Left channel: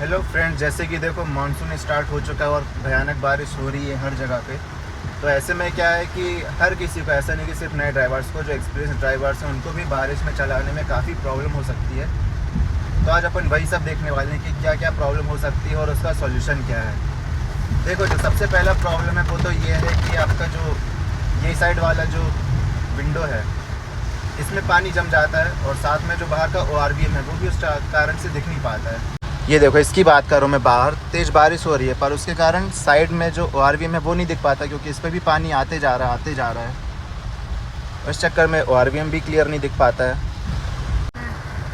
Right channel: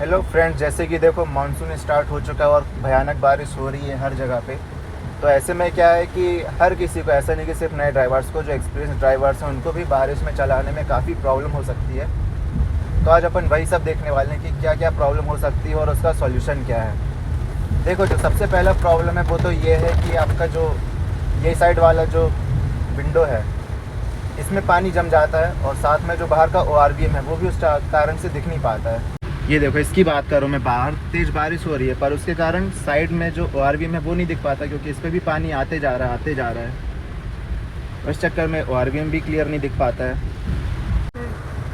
Hello friends, जैसे कि देखो मानसून स्टार्ट हो चुका है और भयानक बारिश हो रही है हर जगह पे। तो ऐसे में क्या है कि हर किसी को, ऐसा नहीं कि सिर्फ नए ड्राइवर्स को, जो एक्सपीरियंस ड्राइवर्स हैं उनको भी बारिश में चलाने में काफ़ी प्रॉब्लम हो सकती है। तो आज अपन वही सब देखने वाले हैं कि क्या क्या प्रॉब्लम हो सकती है और उसका सॉल्यूशन क्या है। देखो, जो सबसे पहला प्रॉब्लम है वो तो ये है कि आपका जो ये साइड वाला जो विंडो है इसमें पानी जम जाता है और साथ में जो बाहर का ORVM है वो भी उस कारण से दिख नहीं पाता है। ये देखो, इसकी बात करूँ मैं, बाहर तेज़ बारिश हो रही है पर उसके कारण साइड में जो ORVM है वो नहीं दिख पाता, क्योंकि इस पर भी पानी आते जा रहा है। इस चक्कर में ORVM भी क्लियर नहीं दिख पाता है।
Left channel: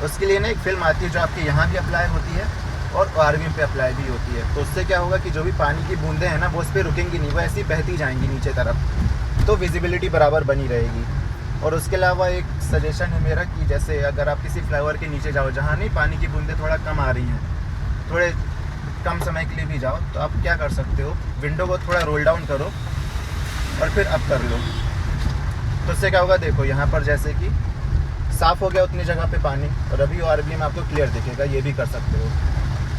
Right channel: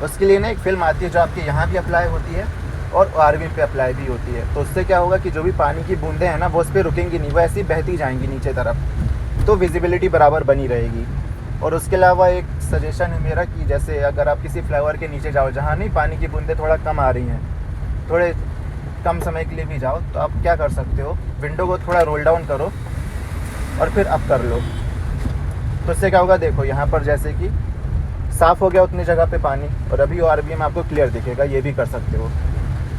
उसके लिए ना एक फिल्म आती है जो आपके यहाँ भी अप्लाई होती है और ORVM पे अप्लाई भी होती है। तो उससे क्या होगा कि जो भी पानी की बूंदें हैं ना वो उस पर रुकेंगी नहीं, वो ऐसी बहती जाएंगी नीचे तरफ, तो विजिबिलिटी बराबर बनी रहेगी। और उसके अलावा एक सजेशन है मेरा कि जैसे अगर आप किसी फ्लाईओवर के नीचे जाओ जहाँ नहीं पानी की बूंदें थोड़ा कम आ रही हैं, थोड़े कम समय के लिए भी जाओ, तो आप क्या कर सकते हो, विंडो को थोड़ा रोल डाउन करो और फिर अप कर लो। तो उससे क्या होगा, देखो यहाँ पर जैसे कि साफ़ हो गया उतनी जगह पे पानी और अभी ORVM आपको क्लियर दिखेगा। ये भी कर सकते हो।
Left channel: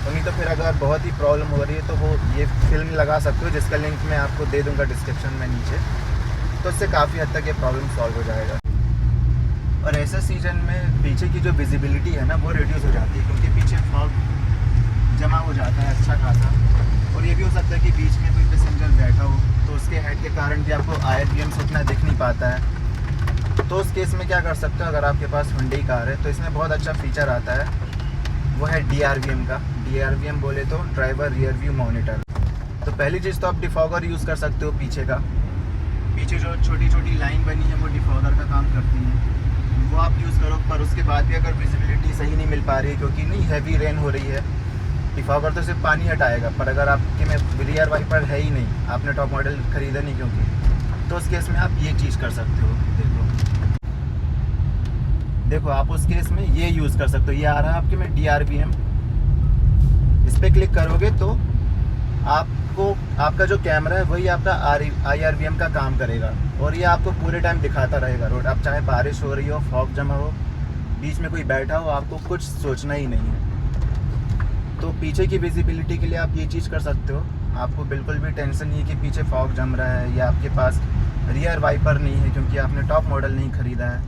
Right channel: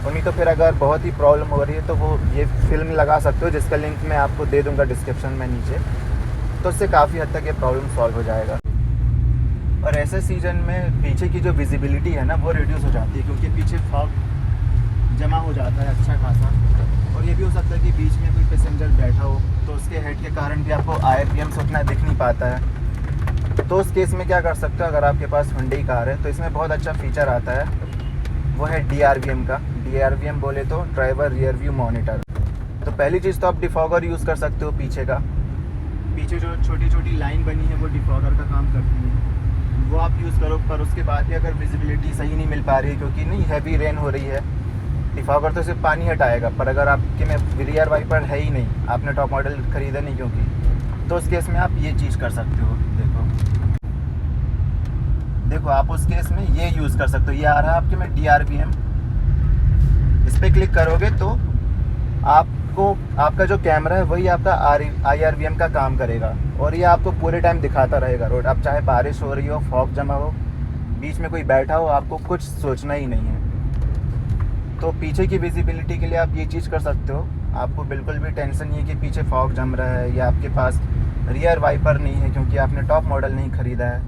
तो नहीं तो फिर अगर बहुत ही प्रॉब्लम हो रही है तो वो ये फिल्म लगा सकते हो, जिसका लिंक मैं आपको दे दूँगा डिस्क्रिप्शन में नीचे। तो उससे काफ़ी हद तक ये प्रॉब्लम सॉल्व हो जाएगा। और ऐसे सीजन में पीछे की जो विजिबिलिटी है ना वो रिड्यूस हो जाती है, क्योंकि पीछे फॉग जमा हो जाता है अच्छा खासा। और ये भी हो सकता है कि बीच में कोई पैसेंजर बैठा हो तो उसके हेड के कारण भी आपको IRVM से उतना दिख नहीं पाता है। तो उस केस में क्या कर सकते हो, अगर आपके पास हुंडई कार है तो इसमें बहुत अच्छा फीचर आता है, वो है DRVM का। DRVM बोले तो ड्राइवर रियर व्यू मॉनिटर। तो पहली चीज़ तो आप डिफॉगर यूज़ कर सकते हो। पीछे जो छोटी छोटी लाइन बनी है वो डिफॉगर का काम करती है, वो आप यूज़ करो। पर उसके बाद भी अगर विजिबिलिटी सही नहीं मिल पा रही है, क्योंकि नहीं हैवी रेन हो रही है, डिफॉगर तो सिर्फ पानी हटाएगा, पर अगर आपके में रियर वाइपर है ही नहीं, आपने टॉप मॉडल खरीदा नहीं क्योंकि, तो उस केस में आप ये चीज़ कर सकते हो। देखो आप उस केस में ये यूज़ कर सकते हो। ये आ रहा है आपके में DRVM, इस पर क्लिक करोगे तो आपको आपका जो कैमरा है वही आपका IRVM का काम करेगा और ये आपको पूरे टाइम दिखाता रहेगा रोड। अब चाहे बारिश हो रही हो, फॉग जमा हो, बीच में कोई बैठा हो, आपको कुछ सोचना ही नहीं है। तो पीछे की विजिबिलिटी के लिए आप ये चीज़ कर सकते हो। आपको बिल्कुल भी टेंशन नहीं है कि पीछे फॉग जम रहा है या आपके पास रियर वाइपर नहीं है क्योंकि आपने टॉप मॉडल नहीं ख़रीदा है।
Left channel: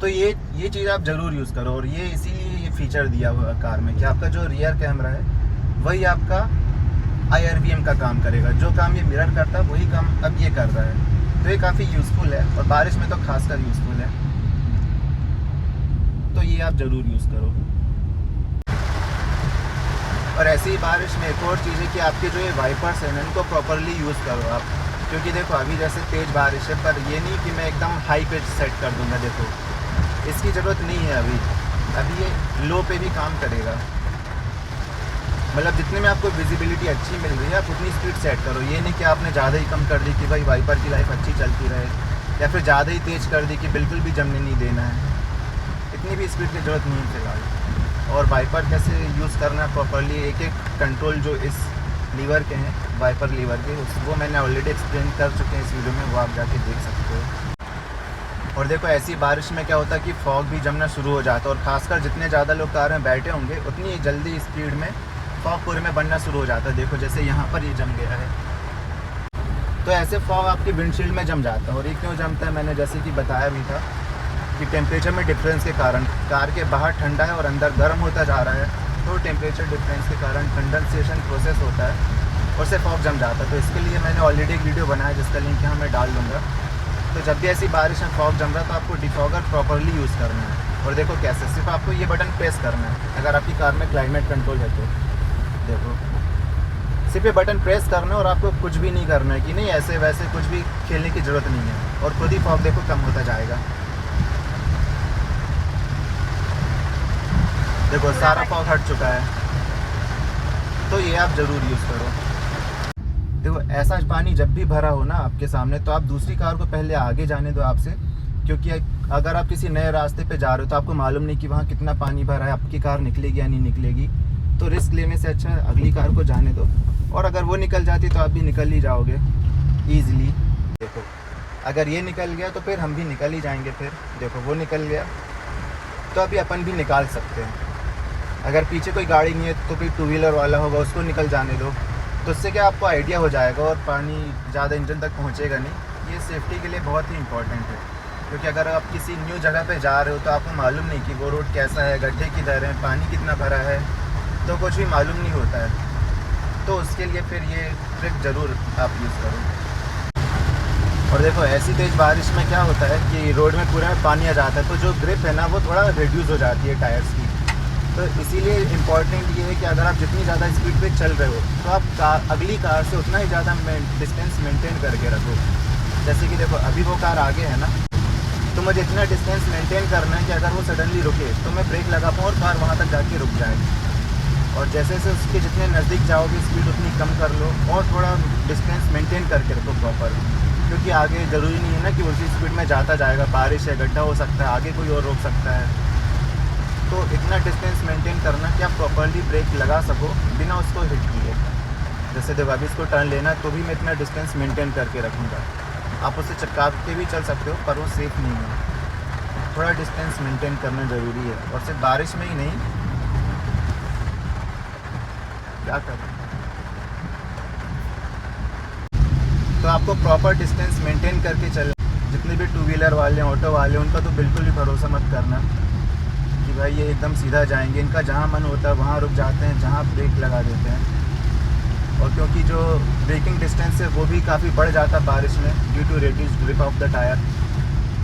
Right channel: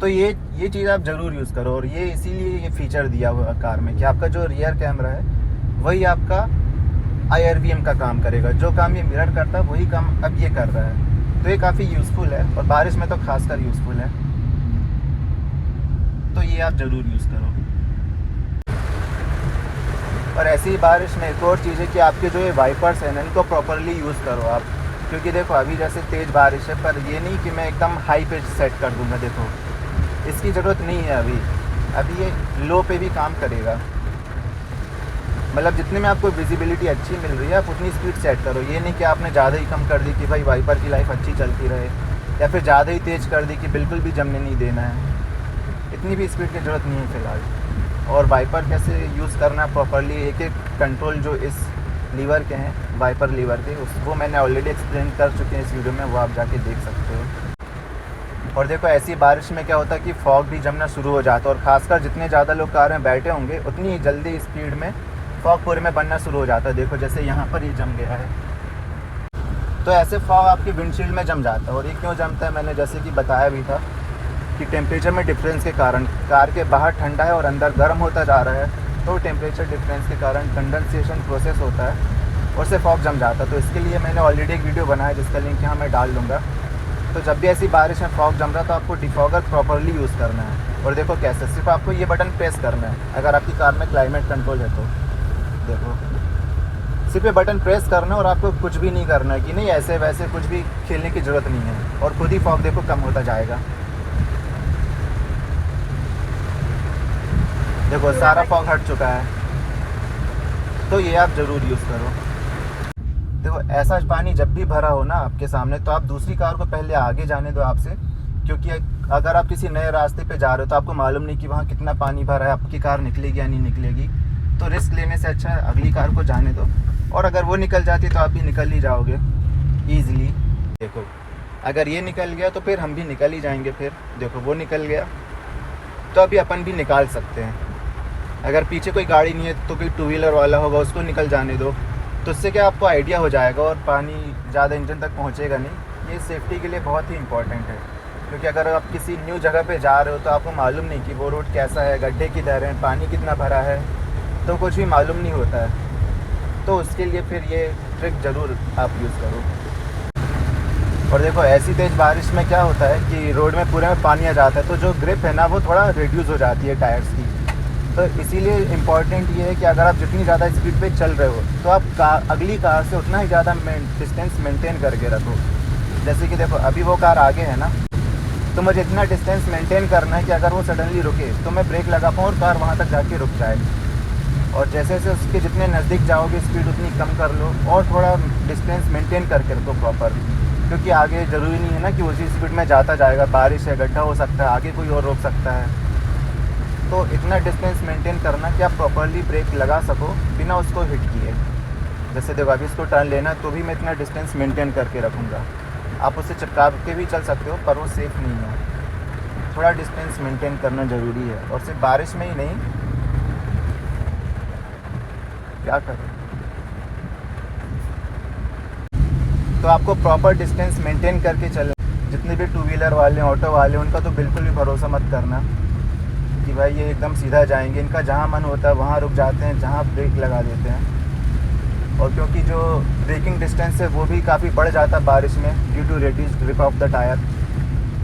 तो ये चीज़ आप ज़रूर यूज़ करो। और ये इसीलिए ये फीचर दिया हुआ है कार में कि आपका जो रियर कैमरा है वही आपका IRVM का काम करेगा। जो काम ये मिरर करता है वही काम अब ये कर रहा है। तो ये काफ़ी यूज़फुल है और बारिश में तो खासकर यूज़फुल है। तो ये आप ज़रूर यूज़ करो। और ऐसी ही बारिश में एक और चीज़ है कि आपके जो ये वाइपर्स हैं इनको प्रॉपरली यूज़ करो आप। क्योंकि देखो अभी जैसे तेज़ बारिश है, पर ये नहीं कि मैं एकदम हाई पे सेट कर दूँगा। देखो इसकी ज़रूरत नहीं है अभी ये लो पे भी काम करेगा। मतलब जितने में आपको विजिबिलिटी अच्छी मिल रही है आप उतनी स्पीड सेट करो। ये नहीं कि आपने ज़्यादा ही कम कर दी कि भाई वाइपर की लाइफ अच्छी चलती रहे, या फिर ज़्यादा ही तेज़ कर दी कि बिल्कुल भी जमने नहीं देना है। इतनी भी स्पीड की ज़रूरत नहीं है फिलहाल। और वाइपर कैसे यूज़ करना है प्रॉपरली, एक एक कंट्रोल जो इस लीवर के हैं, वाइपर लीवर के, उसको मैंने ऑलरेडी एक्सप्लेन कर चुके हैं इस वीडियो में, वो आप जाके देख सकते हैं। और देखो ऐसी बारिश में क्या होता है कि फॉग भी जमना शुरू हो जाता है, और खासकर जितने ज़्यादा लोग कार में बैठे होंगे उतनी जल्दी स्पीड में फॉग पूरे में बनना शुरू हो जाता है। देखो जैसे यहाँ पर ये जम गया है, तो ऐसे फॉग आपके विंडशील्ड में जम जाता है। और ये क्यों जमता है, मैंने जैसे कि बताया भी था कि टेम्परेचर में डिफरेंस के कारण कार के बाहर ठंडा है और अंदर गर्म होता जा रहा है, तो टेम्परेचर डिफरेंस के कारण कंडेंसेशन प्रोसेस होता है और उससे फॉग जम जाता है। तो इसके लिए मैंने ऑलरेडी एक वीडियो बनाया जिसका लिंक यहाँ मैं डाल दूँगा। तो जब भी ऐसी बारिश में फॉग जम रहा है तो आपको डिफॉगर प्रॉपरली यूज़ करना है। और देखो कैसे, सिर्फ आपको ये बटन प्रेस करना है अगर आपकी कार में क्लाइमेट कंट्रोल है तो। देखो सिर्फ ये बटन प्रेस करना है और आपको कुछ भी नहीं करना है कि नहीं ऐसे वैसे कुछ भी खेलने की ज़रूरत नहीं है, और खुद ही फॉग देखो कम होता जाएगा। देखो सारा फॉग हट चुका है। तो ये आप ज़रूर यूज़ करो। देखो ऐसा पानी जब भी भरा हो ना आपके सामने, तो आप दूसरी कार को पहले आगे जाने दो आपसे, क्योंकि अगर आप किसी नए रास्ते पे जा रहे हो तो आपको मालूम नहीं कि वहाँ कितना पानी भरा है, आपकी कार निकलेगी या नहीं निकलेगी। तो रिस्क लेने से अच्छा है अगली कार को जाने दो, और अगर वो निकल जाती तो आप भी निकल ही जाओगे ईजिली। देखो अगर ये निकल गया तो फिर हम भी निकल ही जाएंगे। फिर देखो वो निकल गया तो अभी अपन भी निकाल सकते हैं। अगर पीछे कोई गाड़ी नहीं है तो कोई टू व्हीलर वाला होगा, उसको निकल जाने दो। तो उससे क्या आपको आइडिया हो जाएगा और पानी ज़्यादा इंजन तक पहुँचेगा नहीं। ये सेफ्टी के लिए बहुत ही इंपॉर्टेंट है, क्योंकि अगर आप किसी न्यू जगह पे जा रहे हो तो आपको मालूम नहीं कि वो रोड कैसा है, गड्ढे किधर हैं, पानी कितना भरा है, तो कुछ भी मालूम नहीं होता है। तो उसके लिए फिर ये ट्रिक ज़रूर आप यूज़ करो। और देखो ऐसी तेज बारिश में क्या होता है कि रोड में पूरे में पानी आ जाता है, तो जो ग्रिप है ना वो थोड़ा रिड्यूस हो जाती है टायर्स की। तो इसीलिए इम्पॉर्टेंट ये है कि अगर आप जितनी ज़्यादा स्पीड पे चल रहे हो तो आप अगली कार से उतना ही ज़्यादा डिस्टेंस मेंटेन करके रखो। जैसे कि देखो अभी वो कार आगे है ना, तो मुझे इतना डिस्टेंस मेंटेन करना है कि अगर वो सडनली रुके तो मैं ब्रेक लगा पाऊँ और कार वहाँ तक जाके रुक जाए। और जैसे जैसे उसके जितने नज़दीक जाओगे स्पीड उतनी कम कर लो और थोड़ा डिस्टेंस मेंटेन करके रखो प्रॉपर, क्योंकि आगे ज़रूरी नहीं है ना कि उसी स्पीड में जाता जाएगा। बारिश है, गड्ढा हो सकता है, आगे कोई और रोक सकता है। तो इतना डिस्टेंस मेंटेन करना कि आप प्रॉपरली ब्रेक लगा सको बिना उसको हिट किए। जैसे देखो अभी इसको टर्न लेना तो भी मैं इतना डिस्टेंस मेंटेन करके रखूँगा। आप उसे चिपका के भी चल सकते हो पर वो सेफ़ नहीं है। थोड़ा डिस्टेंस मेंटेन करना ज़रूरी है, और सिर्फ बारिश में ही नहीं, क्या करें तो आपको प्रॉपर डिस्टेंस मेंटेन करके चलना। जितने भी टू व्हीलर वाले, ऑटो वाले, उनका तो बिल्कुल भी भरोसा मत करना कि भाई ये एकदम सीधा जाएंगे। इनका जहाँ मन होता है वहाँ रुक जाते हैं, जहाँ ब्रेक लगा देते हैं। और क्योंकि जो ब्रेकिंग डिस्टेंस है वो भी काफ़ी बढ़ जाता है बारिश में due to reduce grip of the tyre.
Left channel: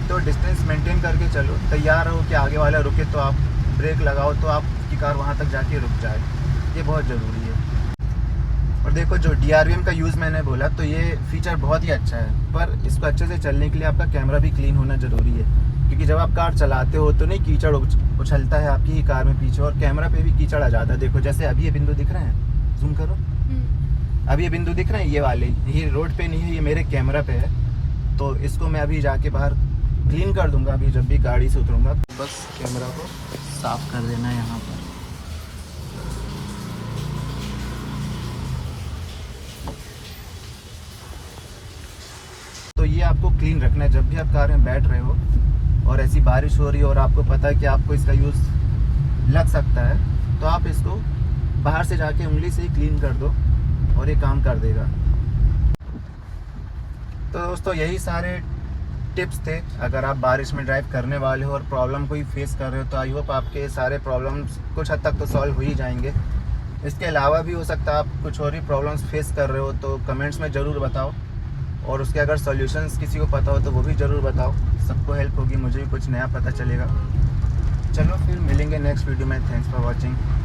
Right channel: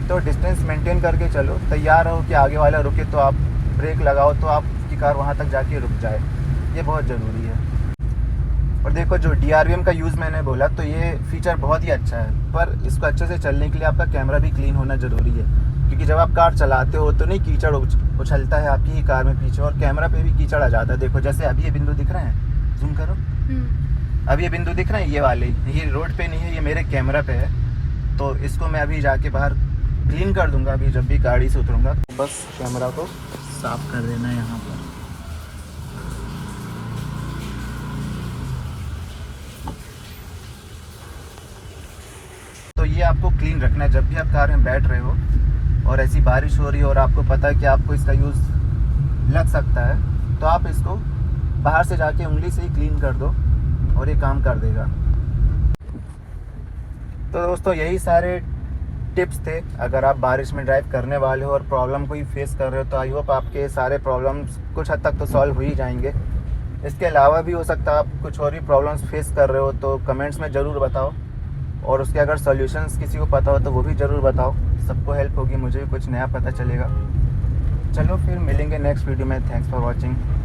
तो डिस्टेंस मेंटेन करके चलो, तैयार रहो कि आगे वाला रुके तो आप ब्रेक लगाओ तो आपकी कार वहाँ तक जाके रुक जाए। ये बहुत ज़रूरी है। और देखो जो DRVM का यूज़ मैंने बोला तो ये फीचर बहुत ही अच्छा है, पर इसको अच्छे से चलने के लिए आपका कैमरा भी क्लीन होना ज़रूरी है। क्योंकि जब आप कार चलाते हो तो नहीं कीचड़ उछलता है आपकी ही कार में पीछे, और कैमरा पे भी कीचड़ आ जाता है। देखो जैसे अभी ये बिंदु दिख रहे हैं, जूम करो, अभी ये बिंदु दिख रहे हैं, ये वाले, ये रोड पे नहीं है, ये मेरे कैमरा पे है। तो इसको मैं अभी जाके बाहर क्लीन कर दूंगा। अभी जब भी गाड़ी से उतरूँगा बस कैमरा को साफ़ कर देना है यहाँ पर। तो ये आपको क्लीन रखना है जब भी आप कार में बैठ रहे हो और ऐसी बारिश हो रही है और आपको पता है कि आपको इसका यूज़ लग सकता है, तो आप इसको बाहर से जाके उंगली से ही क्लीन कर दो और ये काम कर देगा। तो दोस्तों यही सारे टिप्स थे। अगर आप बारिश में ड्राइव करने वाले हो और प्रॉब्लम कोई फेस कर रहे हो तो आई होप आपके सारे प्रॉब्लम्स कुछ हद तक तो सॉल्व हो ही जाएंगे। इसके अलावा भी हो सकता है आप कुछ और भी प्रॉब्लम्स फेस कर रहे हो तो कमेंट्स में ज़रूर बताओ, और उसके अगर सॉल्यूशंस किसी को पता हो तो वो भी ज़रूर बताओ। सबको हेल्प होगी, मुझे भी कुछ नया पता चलेगा। चलो फिर मिलेंगे नेक्स्ट वीडियो में। Thanks for watching.